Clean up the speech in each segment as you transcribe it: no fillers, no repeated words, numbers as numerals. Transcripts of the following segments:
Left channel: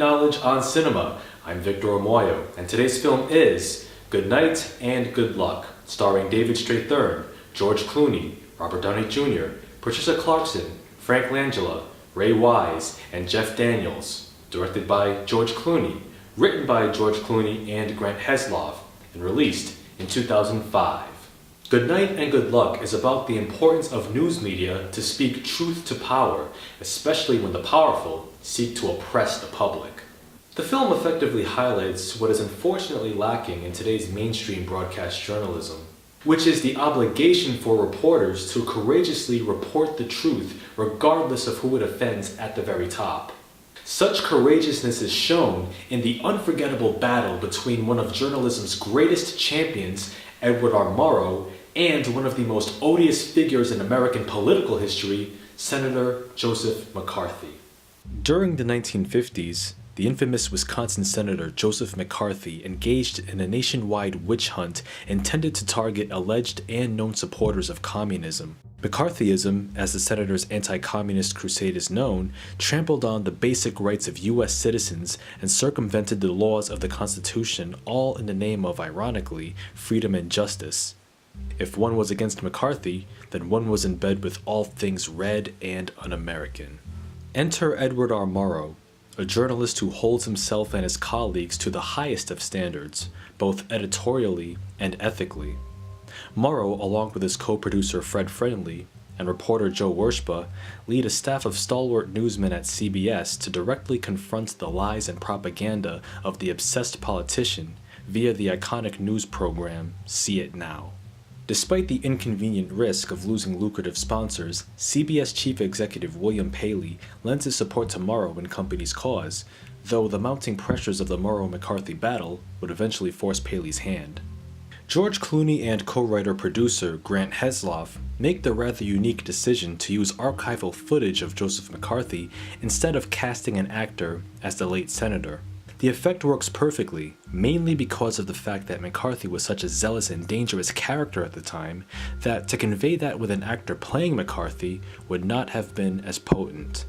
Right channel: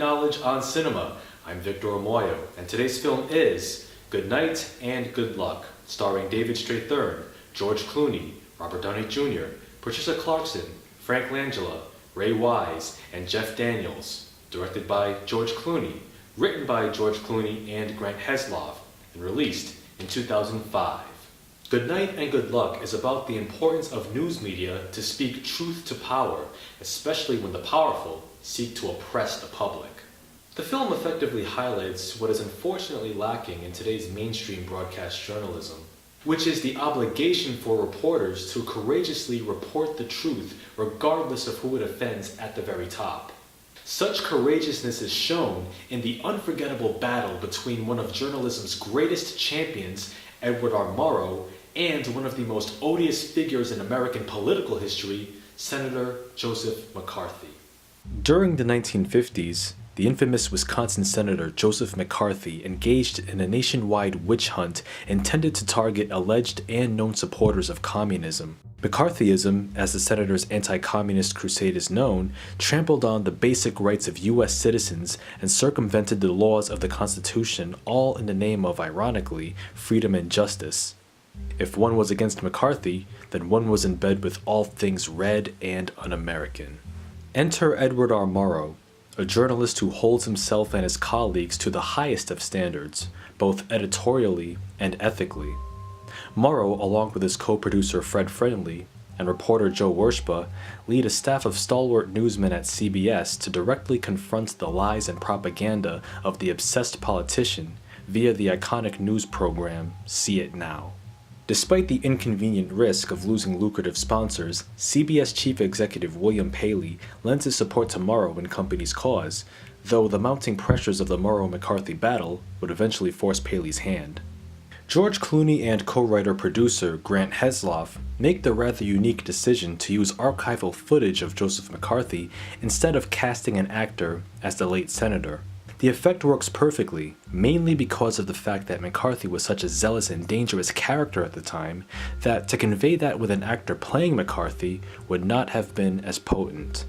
knowledge on cinema. I'm Victor Omoayo, and today's film is Good Night and Good Luck, starring David Strathairn, George Clooney, Robert Downey Jr., Patricia Clarkson, Frank Langella, Ray Wise, and Jeff Daniels. Directed by George Clooney, written by George Clooney and Grant Heslov, and released in 2005. Good Night and Good Luck is about the importance of news media to speak truth to power, especially when the powerful seek to oppress the public. The film effectively highlights what is unfortunately lacking in today's mainstream broadcast journalism, which is the obligation for reporters to courageously report the truth regardless of who it offends at the very top. Such courageousness is shown in the unforgettable battle between one of journalism's greatest champions, Edward R. Murrow, and one of the most odious figures in American political history, Senator Joseph McCarthy. During the 1950s, the infamous Wisconsin Senator Joseph McCarthy engaged in a nationwide witch hunt intended to target alleged and known supporters of communism. McCarthyism, as the senator's anti-communist crusade is known, trampled on the basic rights of U.S. citizens and circumvented the laws of the Constitution, all in the name of, ironically, freedom and justice. If one was against McCarthy, then one was in bed with all things red and un-American. Enter Edward R. Murrow, a journalist who holds himself and his colleagues to the highest of standards, both editorially and ethically. Murrow, along with his co-producer Fred Friendly and reporter Joe Wershba, lead a staff of stalwart newsmen at CBS to directly confront the lies and propaganda of the obsessed politician via the iconic news program See It Now. Despite the inconvenient risk of losing lucrative sponsors, CBS Chief Executive William Paley lends his support to Murrow and company's cause, though the mounting pressures of the Murrow-McCarthy battle would eventually force Paley's hand. George Clooney and co-writer-producer Grant Heslov make the rather unique decision to use archival footage of Joseph McCarthy instead of casting an actor as the late senator. The effect works perfectly, mainly because of the fact that McCarthy was such a zealous and dangerous character at the time that to convey that with an actor playing McCarthy would not have been as potent.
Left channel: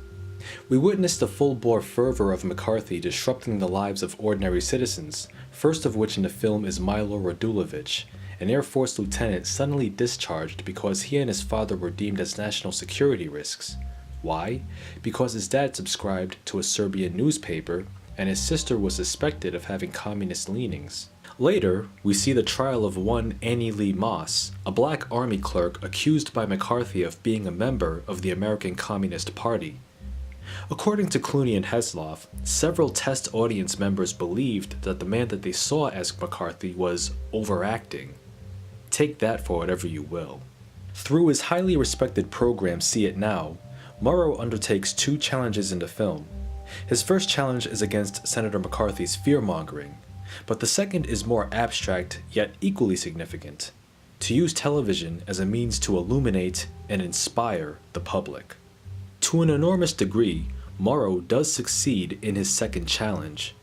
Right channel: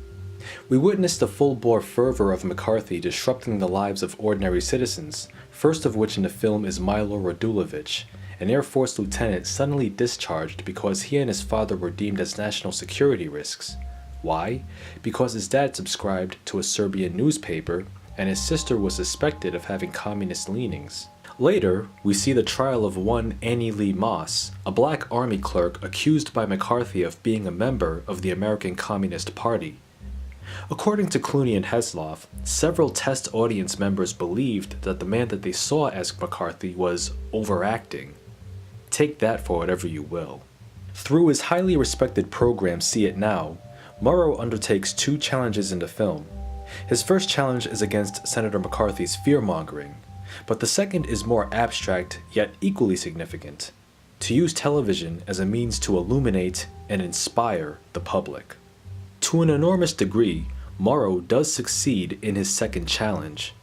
We witnessed the full-bore fervor of McCarthy disrupting the lives of ordinary citizens, first of which in the film is Milo Radulovich, an Air Force lieutenant suddenly discharged because he and his father were deemed as national security risks. Why? Because his dad subscribed to a Serbian newspaper and his sister was suspected of having communist leanings. Later, we see the trial of one Annie Lee Moss, a black army clerk accused by McCarthy of being a member of the American Communist Party. According to Clooney and Heslov, several test audience members believed that the man that they saw as McCarthy was overacting. Take that for whatever you will. Through his highly respected program See It Now, Murrow undertakes two challenges in the film. His first challenge is against Senator McCarthy's fear-mongering, but the second is more abstract yet equally significant: to use television as a means to illuminate and inspire the public. To an enormous degree, Murrow does succeed in his second challenge.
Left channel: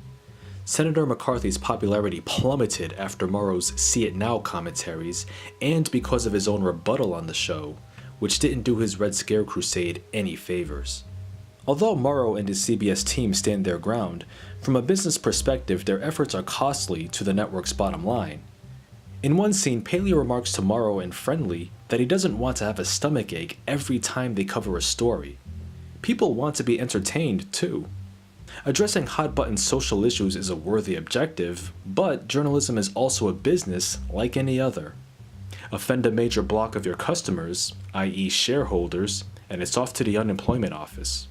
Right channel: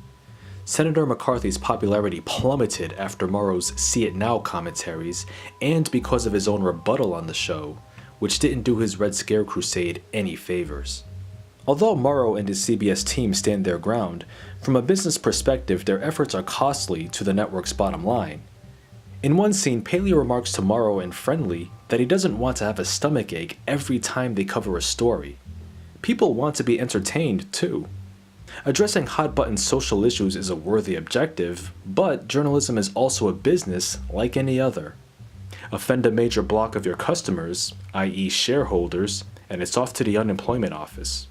Senator McCarthy's popularity plummeted after Murrow's See It Now commentaries and because of his own rebuttal on the show, which didn't do his Red Scare crusade any favors. Although Murrow and his CBS team stand their ground, from a business perspective their efforts are costly to the network's bottom line. In one scene, Paley remarks to Murrow and Friendly that he doesn't want to have a stomachache every time they cover a story. People want to be entertained too. Addressing hot-button social issues is a worthy objective, but journalism is also a business like any other. Offend a major block of your customers, i.e. shareholders, and it's off to the unemployment office.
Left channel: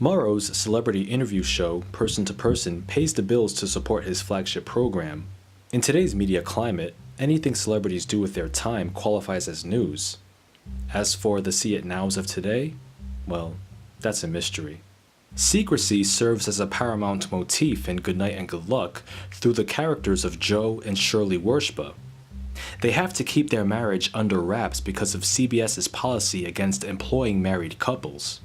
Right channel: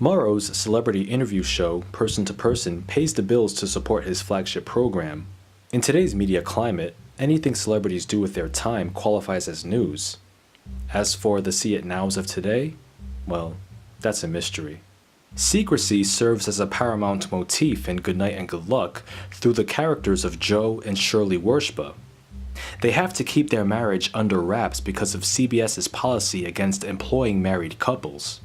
Murrow's celebrity interview show, Person to Person, pays the bills to support his flagship program. In today's media climate, anything celebrities do with their time qualifies as news. As for the See It Nows of today, well, that's a mystery. Secrecy serves as a paramount motif in Good Night and Good Luck through the characters of Joe and Shirley Wershba. They have to keep their marriage under wraps because of CBS's policy against employing married couples.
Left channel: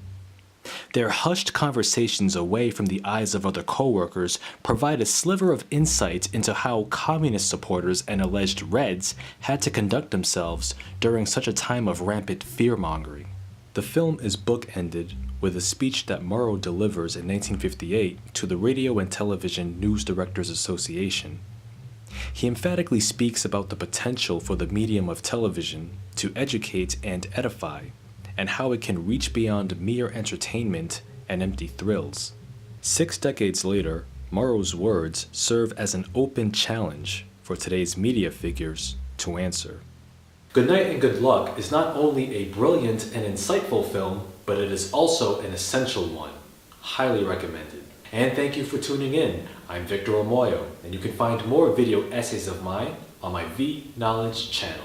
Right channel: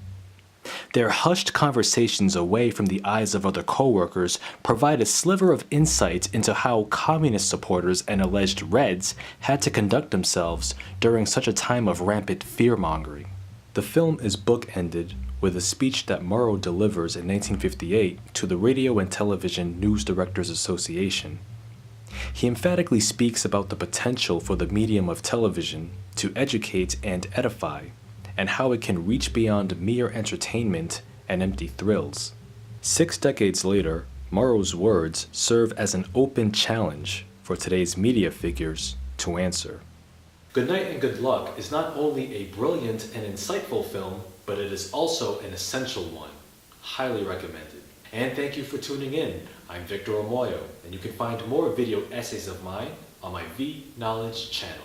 Their hushed conversations away from the eyes of other coworkers provide a sliver of insight into how communist supporters and alleged Reds had to conduct themselves during such a time of rampant fear-mongering. The film is bookended with a speech that Murrow delivers in 1958 to the Radio and Television News Directors Association. He emphatically speaks about the potential for the medium of television to educate and edify, and how it can reach beyond mere entertainment and empty thrills. 6 decades later, Murrow's words serve as an open challenge for today's media figures to answer. Good Night and Good Luck is not only a brilliant and insightful film, but it is also an essential one. Highly recommended. And thank you for tuning in. I'm Victor Omoayo, and you can find more video essays of mine on my V Knowledge channel.